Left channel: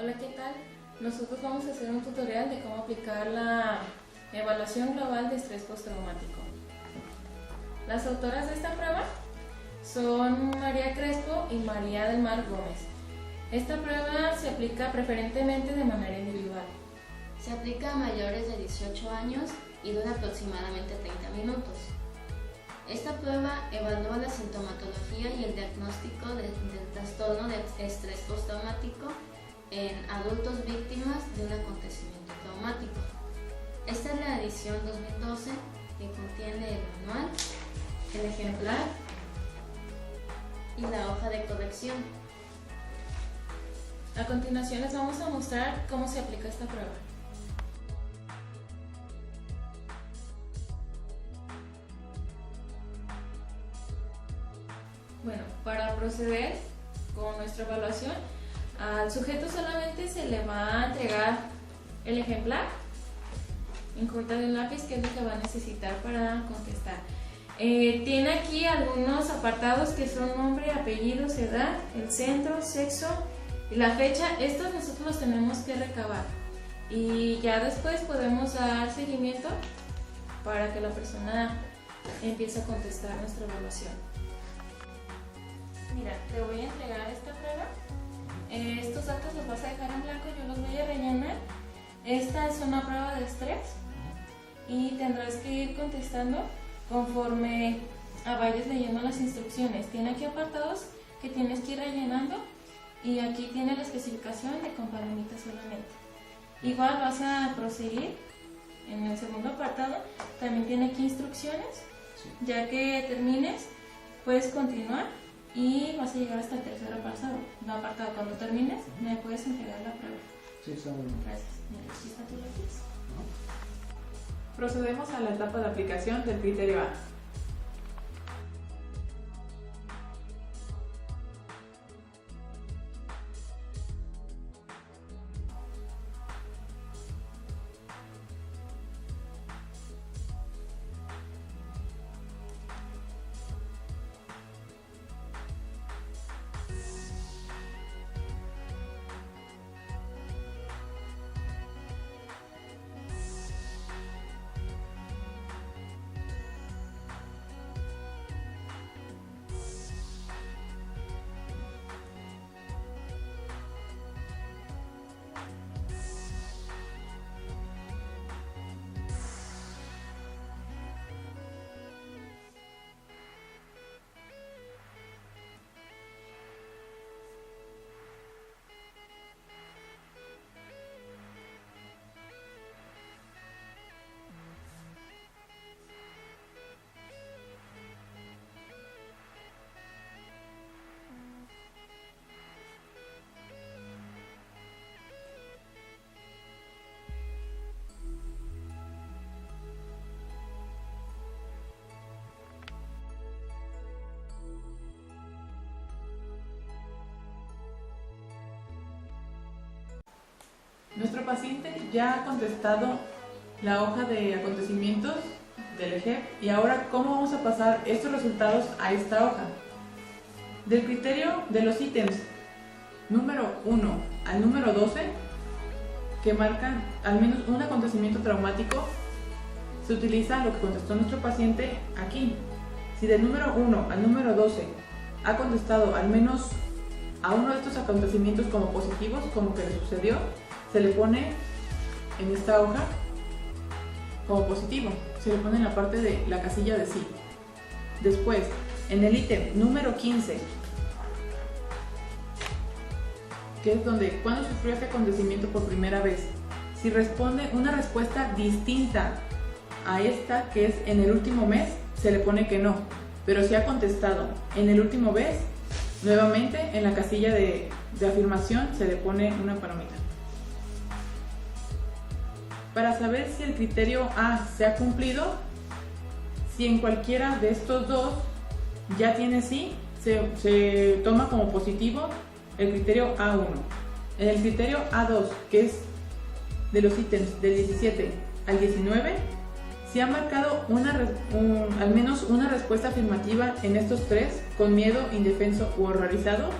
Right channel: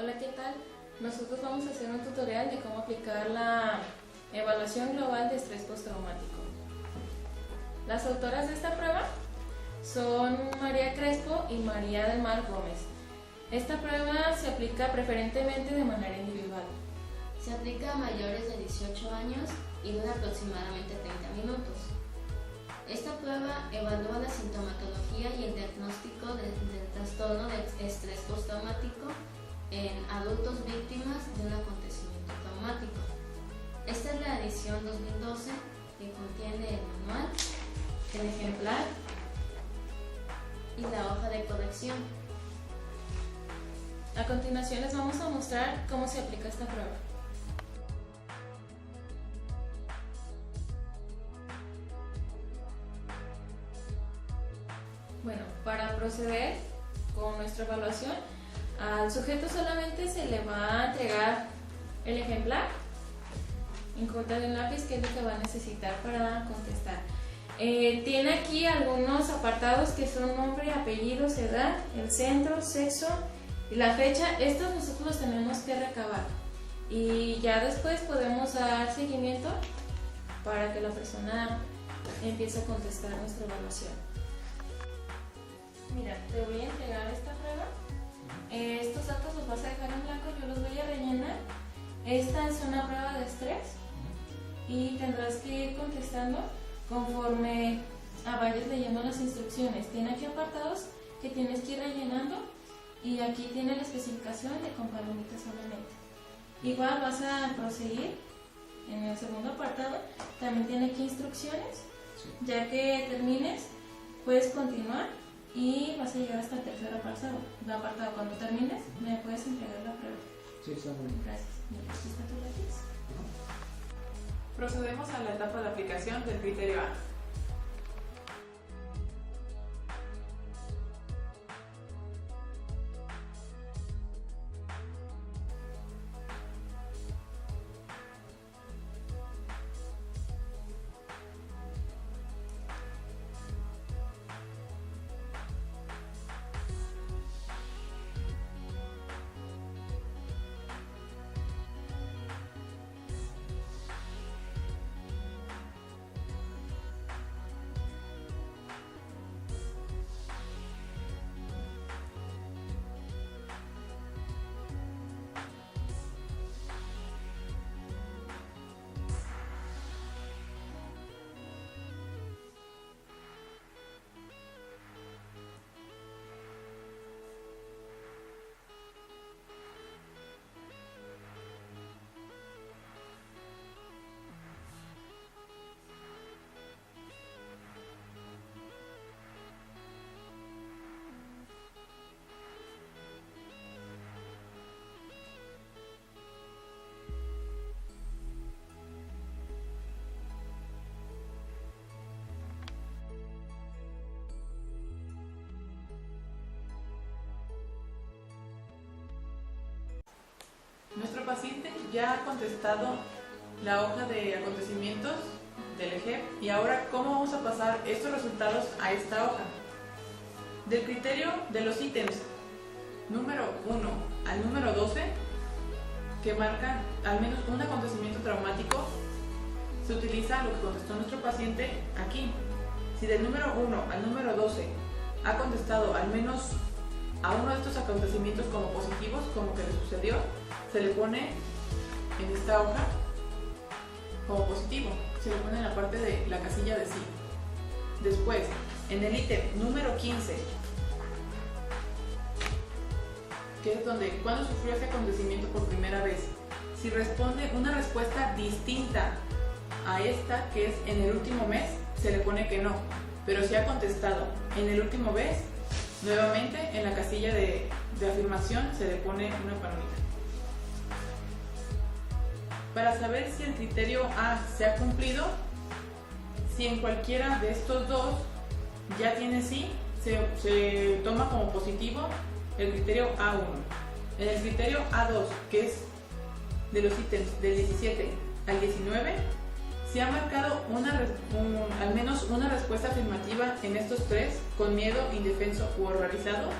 Hola, ¿qué tal? Nosotros vamos a hacer un tutorial de cómo aplicar la evaluación global de estrés postraumático. Las autoras de esta prueba son María Crespo y María del Mar Gómez. Esta prueba se aplica preferentemente de manera individual. Se aplica a mayores de 18 años y dura aproximadamente 30 minutos. Esta prueba evalúa la sintomatología y el diagnóstico del trastorno de estrés postraumático en adultos víctimas de un acontecimiento traumático. Esta es la edición 2012 que contiene el manual, el ejemplar y la hoja de corrección. A continuación les vamos a mostrar cómo se aplica esta prueba. Bueno, para proceder con nuestra evaluación, al sujeto solamente se le va a entregar el ejemplar en corta de un lápiz, que es lo que va a necesitar para contestar. Tiene aquí algunos apartados que son nombre, apellidos, edad, el centro, sexo y la fecha. Estos nosotros los tenemos que recabar y ya después podemos dar seguimiento para que la persona empiece a contestar nuestra evaluación. Mira, te voy a entregar esta prueba. Estos datos los vas a dejar en blanco, yo los voy a rellenar. Esta es una prueba de estrés y tendrás que ir contestando conforme vayas leyendo las instrucciones. Tiene aquí apartados que tienes que ir rellenando y aquí tiene la especificación de con palomitas solamente. Igual vas a proseguir en el segundo apartado, también tiene aquí instrucciones. Ya que termines, puedes continuar y vas a llegar hasta el tercer apartado. Cuando termines, me puedes entregar la prueba. Sí, está muy bien. Gracias. Mira, aquí está tu lápiz. Procedemos a la etapa de aplicación del criterio A. Nuestro paciente ya ha contestado la hoja de acontecimientos del EGEP y ahora, ¿cómo vamos a pasar estos resultados a esta hoja? Del criterio de los ítems número 1 al número 12, que marcan al menos un acontecimiento traumático, se utiliza lo que contestó nuestro paciente aquí. Si del número 1 al número 12 ha contestado al menos a uno de estos acontecimientos como positivos, como que le sucedió, se le pone en esta hoja como positivo, se le pone en la parte de la casilla de sí. Después, en el ítem número 15, que es donde cuando sufrió este acontecimiento por primera vez, si responde una respuesta distinta a esta, que es en el último mes, se le pone que no. Pero si ha contestado en el último mes, nuevamente en la casilla de afirmación se le pone una palomita. Para saber si el criterio A se ha cumplido, si en cualquiera de estos dos ya tiene sí, se toma como positivo el criterio A1. En el criterio A2, que es de los ítems del 17 al 19, si ha marcado al menos una respuesta afirmativa en estos tres, con miedo, indefenso u horrorizado,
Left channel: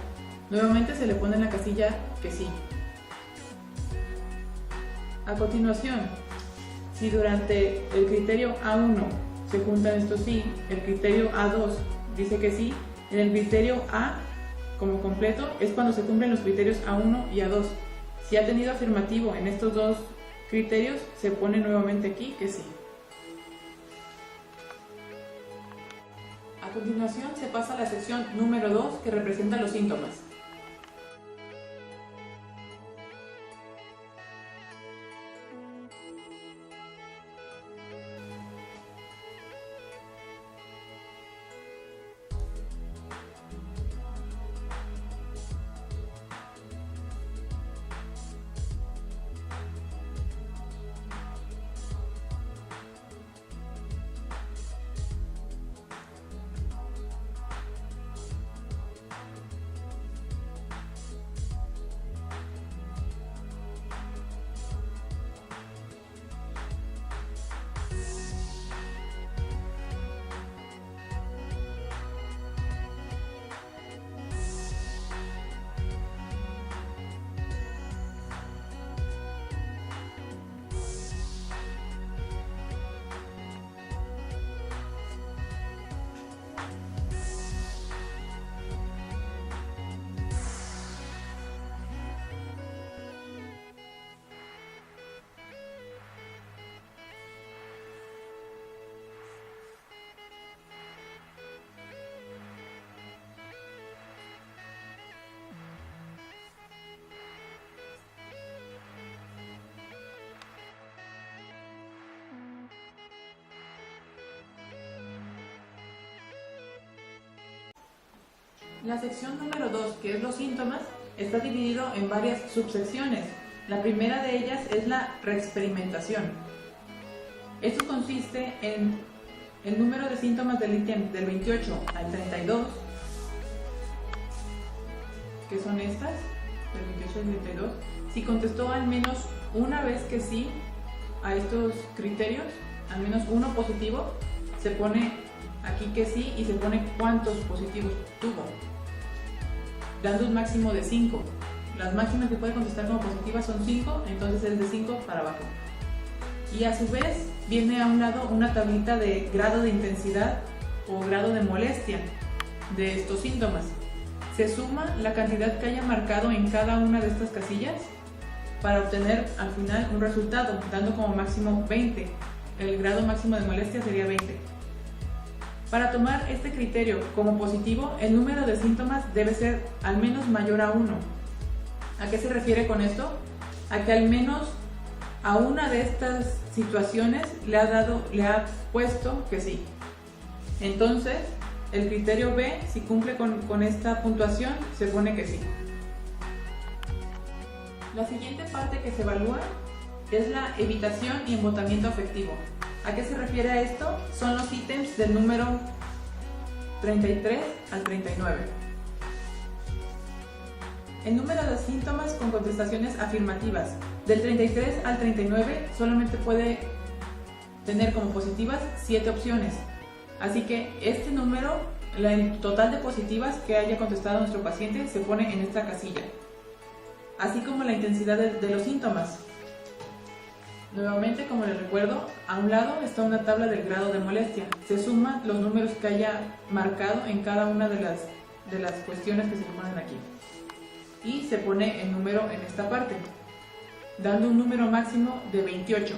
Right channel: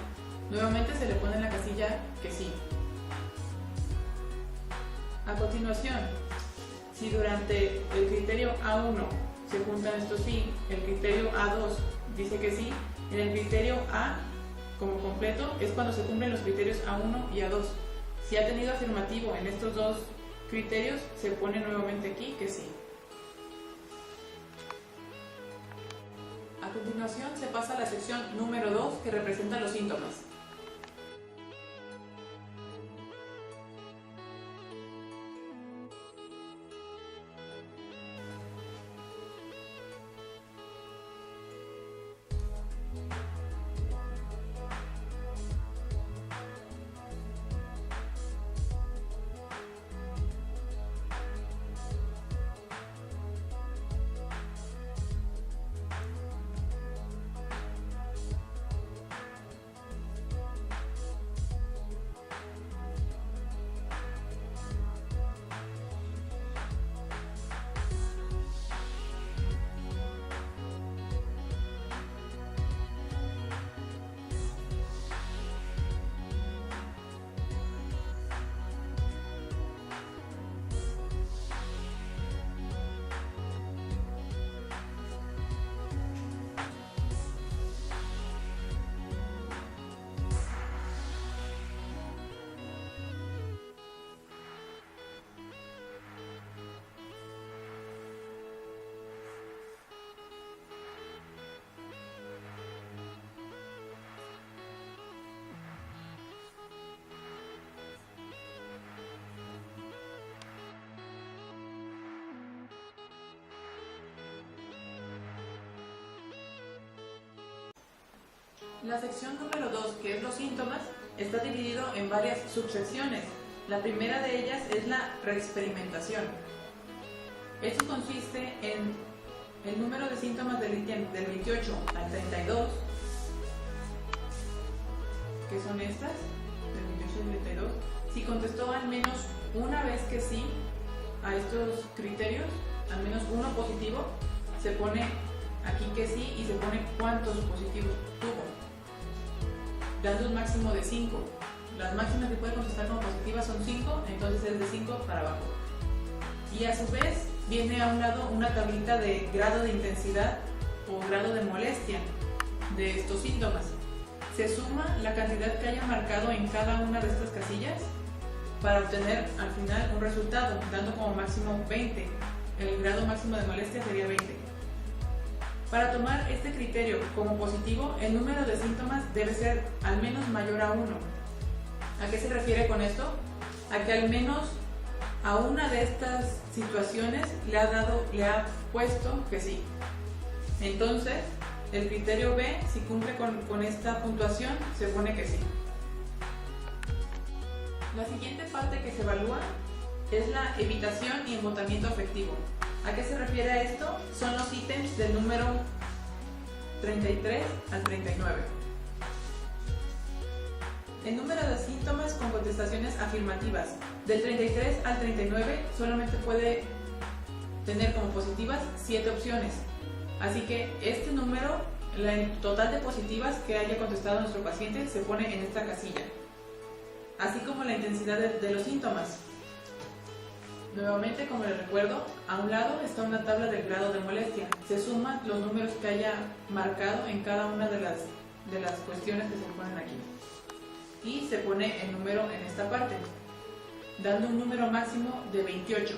nuevamente se le pone en la casilla que sí. A continuación, si durante el criterio A1 se juntan estos sí, el criterio A2 dice que sí, en el criterio A como completo es cuando se cumplen los criterios A1 y A2. Si ha tenido afirmativo en estos dos criterios, se pone nuevamente aquí que sí. A continuación se pasa a la sección número 2 que representa los síntomas. La sección número 2, que es los síntomas, está dividido en varias subsecciones. La primera de ellas es la reexperimentación. Esto consiste en el número de síntomas del ítem del 28 al 32, que son estas, del 28 al 32. Si contestó al menos una vez que sí a estos criterios, al menos uno positivo, se pone aquí que sí y se pone cuántos positivos tuvo, dando un máximo de 5. Las máximas que puede contestar como positivas son 5, entonces es de 5 para abajo. Y a su vez viene a un lado una tablita de grado de intensidad o grado de molestia de estos síntomas. Se suma la cantidad que haya marcado en cada una de estas casillas para obtener al final un resultado, dando como máximo 20. El grado máximo de molestia sería 20. Para tomar este criterio como positivo, el número de síntomas debe ser al menos mayor a 1. ¿A qué se refiere con esto? A que al menos a una de estas situaciones le ha puesto que sí. Entonces, el criterio B, si cumple con esta puntuación, se pone que sí. La siguiente parte que se evalúa es la evitación y embotamiento afectivo. ¿A qué se refiere a esto? Son los ítems del número 33 al 39. El número de síntomas con contestaciones afirmativas del 33 al 39 solamente puede tener como positivas 7 opciones. Así que este número, el total de positivas que haya contestado nuestro paciente, se pone en esta casilla. Así como la intensidad de los síntomas. Nuevamente, como les recuerdo, a un lado está una tabla del grado de molestia. Se suman los números que haya marcado en cada una de las cuestiones que se ponen aquí. Y se pone el número en esta parte, dando un número máximo de 28.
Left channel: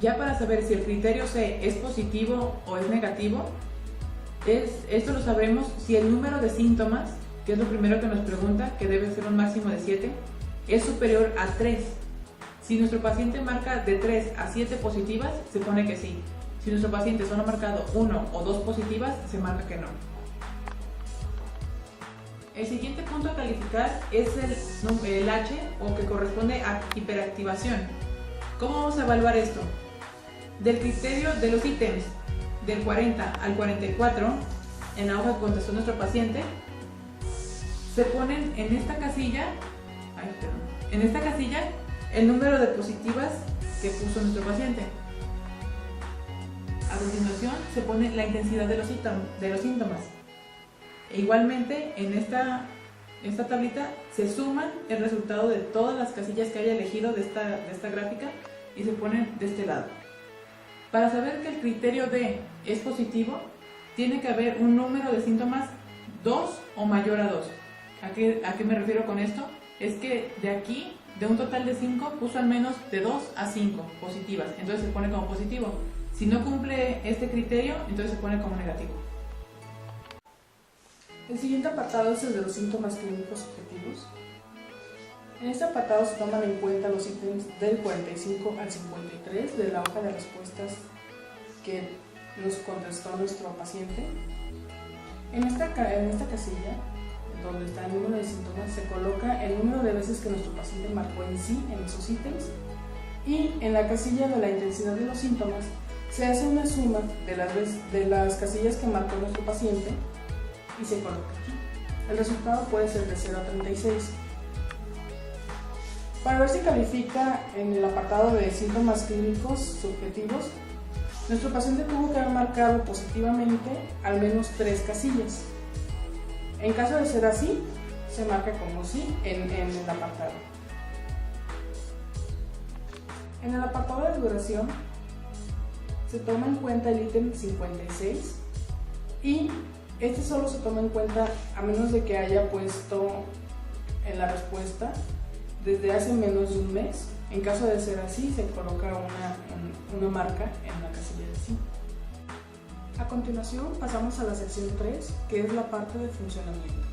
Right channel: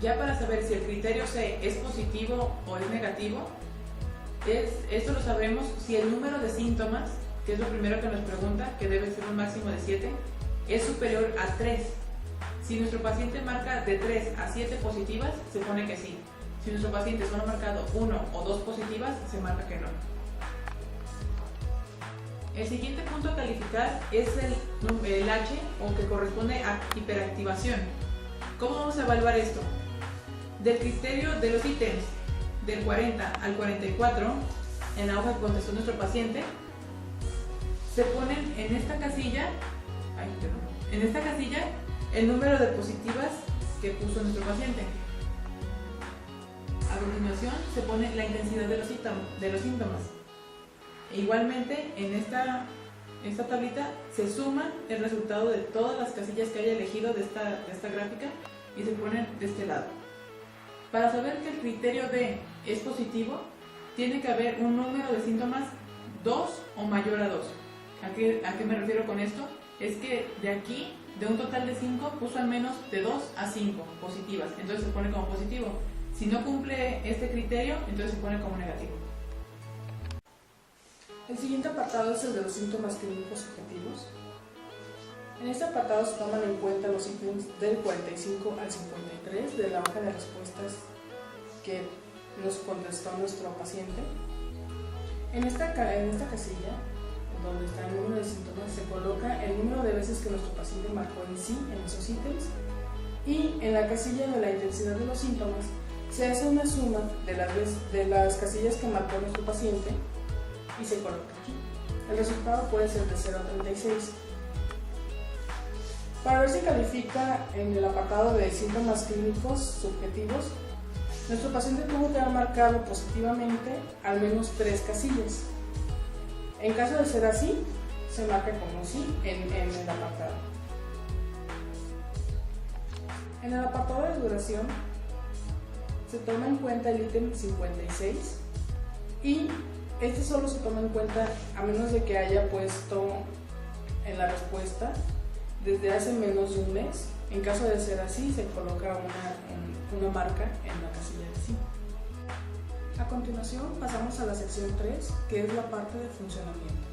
Ya para saber si el criterio C es positivo o es negativo, esto lo sabremos si el número de síntomas, que es lo primero que nos pregunta, que debe ser un máximo de 7, es superior a 3. Si nuestro paciente marca de 3 a 7 positivas, se pone que sí. Si nuestro paciente solo ha marcado 1 o 2 positivas, se marca que no. El siguiente punto a calificar es el H, o que corresponde a hiperactivación. ¿Cómo vamos a evaluar esto? Del criterio de los ítems del 40 al 44, en la hoja que contestó nuestro paciente, se ponen en esta casilla, el número de positivas que puso nuestro paciente. A continuación se pone la intensidad de los síntomas. E igualmente en esta esta tablita, se suman el resultado de todas las casillas que haya elegido de esta gráfica y se ponen de este lado. Para saber que el criterio D es positivo, tiene que haber un número de síntomas 2 o mayor a 2. ¿A qué me refiero con esto? Es que de aquí, de un total de 5, puso al menos de 2 a 5 positivas, entonces se pone como positivo. Si no cumple este criterio, entonces se pone como negativo. El siguiente apartado es el de los síntomas clínicos subjetivos. En este apartado se toman en cuenta los ítems del 45 al 53 de la hoja de respuestas que nos contestó nuestro paciente. En esta casilla, donde está el número de síntomas, se coloca el número de veces que nuestro paciente marcó en sí en esos ítems, y en la casilla de la intensidad de los síntomas se hace una suma de las casillas que marcó nuestro paciente y se coloca aquí. El resultado puede ser de 0 a 36. Para ver si califica en el apartado de síntomas clínicos subjetivos, nuestro paciente tuvo que haber marcado positivamente al menos 3 casillas. En caso de ser así, se marca como sí en el apartado. En el apartado de duración se toma en cuenta el ítem 56 y este solo se toma en cuenta a menos de que haya puesto en la respuesta desde hace menos de un mes. En caso de ser así, se coloca una marca en la casilla de sí. A continuación pasamos a la sección 3, que es la parte de funcionamiento.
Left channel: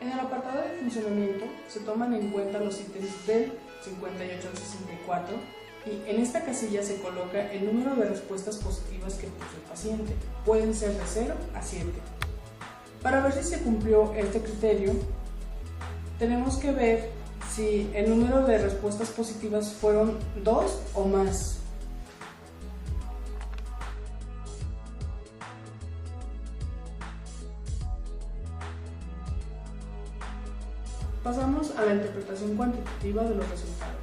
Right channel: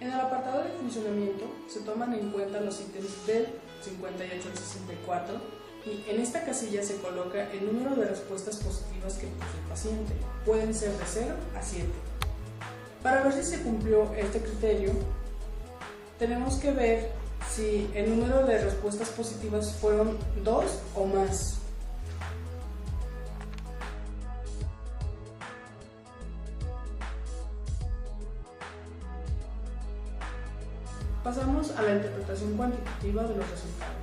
En el apartado de funcionamiento se toman en cuenta los ítems del 58 al 64 y en esta casilla se coloca el número de respuestas positivas que puso el paciente. Pueden ser de 0 a 7. Para ver si se cumplió este criterio, tenemos que ver si el número de respuestas positivas fueron 2 o más. Pasamos a la interpretación cuantitativa de los resultados.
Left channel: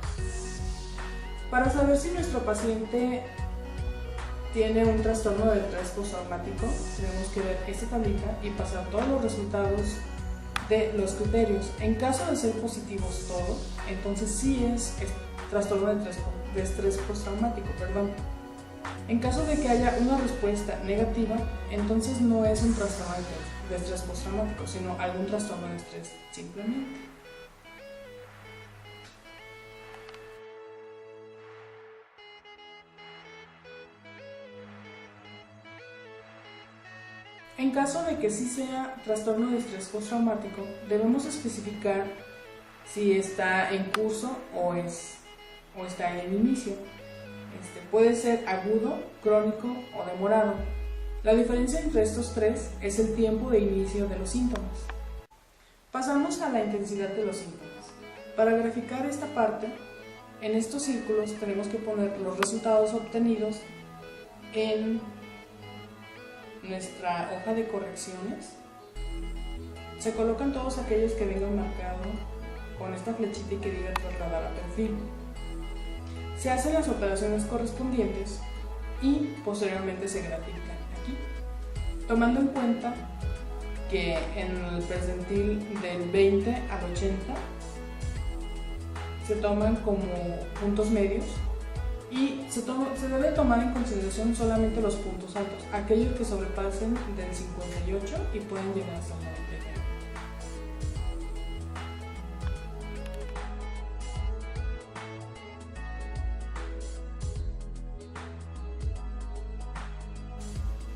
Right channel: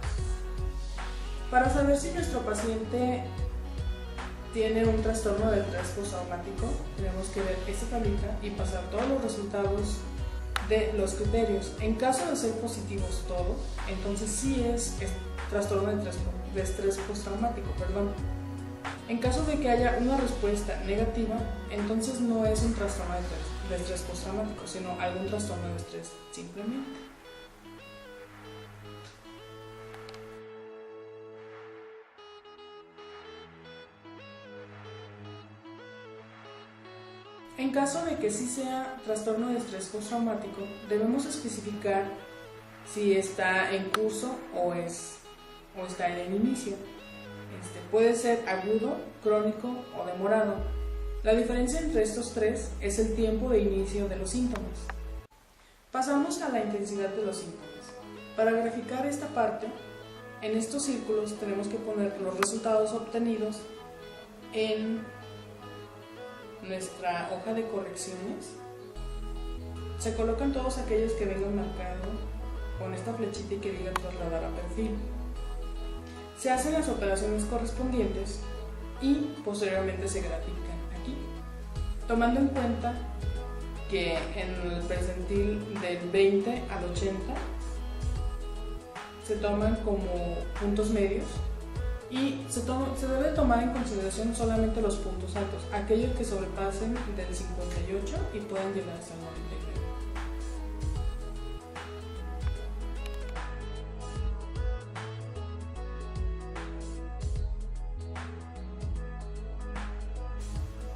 Para saber si nuestro paciente tiene un trastorno de estrés postraumático, tenemos que ver esta tablita y pasar todos los resultados de los criterios. En caso de ser positivos todos, entonces sí es trastorno de estrés postraumático, En caso de que haya una respuesta negativa, entonces no es un trastorno de estrés postraumático, sino algún trastorno de estrés simplemente. En caso de que sí sea trastorno de estrés postraumático, debemos especificar si está en curso o está en el inicio. Puede ser agudo, crónico o demorado. La diferencia entre estos tres es el tiempo de inicio de los síntomas. Pasamos a la intensidad de los síntomas. Para graficar esta parte, en estos círculos tenemos que poner los resultados obtenidos en nuestra hoja de correcciones. Se colocan todos aquellos que vengan marcados con esta flechita y que diga trasladar a perfil. Se hacen las operaciones correspondientes y posteriormente se grafican aquí, tomando en cuenta que en el percentil del 20 al 80 se toman como puntos medios y se debe tomar en consideración solamente los puntos altos, aquellos que sobrepasen del 58 y pueden llegar hasta el 99.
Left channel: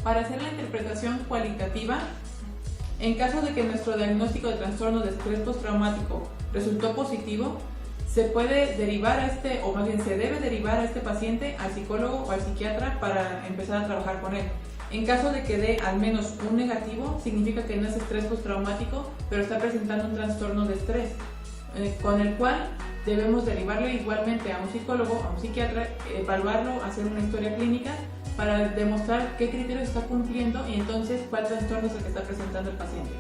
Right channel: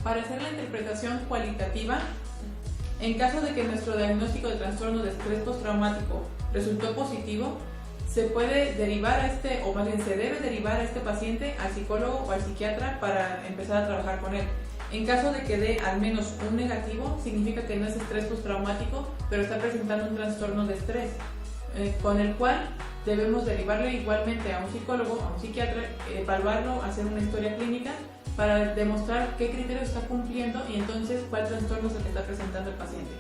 Para hacer la interpretación cualitativa, En caso de que nuestro diagnóstico de trastorno de estrés postraumático resultó positivo, se puede derivar o más bien se debe derivar a este paciente al psicólogo o al psiquiatra para empezar a trabajar con él. En caso de que dé al menos un negativo, significa que no es estrés postraumático, pero está presentando un trastorno de estrés, con el cual debemos derivarlo igualmente a un psicólogo, a un psiquiatra, evaluarlo, hacer una historia clínica para demostrar qué criterios está cumpliendo y entonces cuál trastorno es el que está presentando el paciente.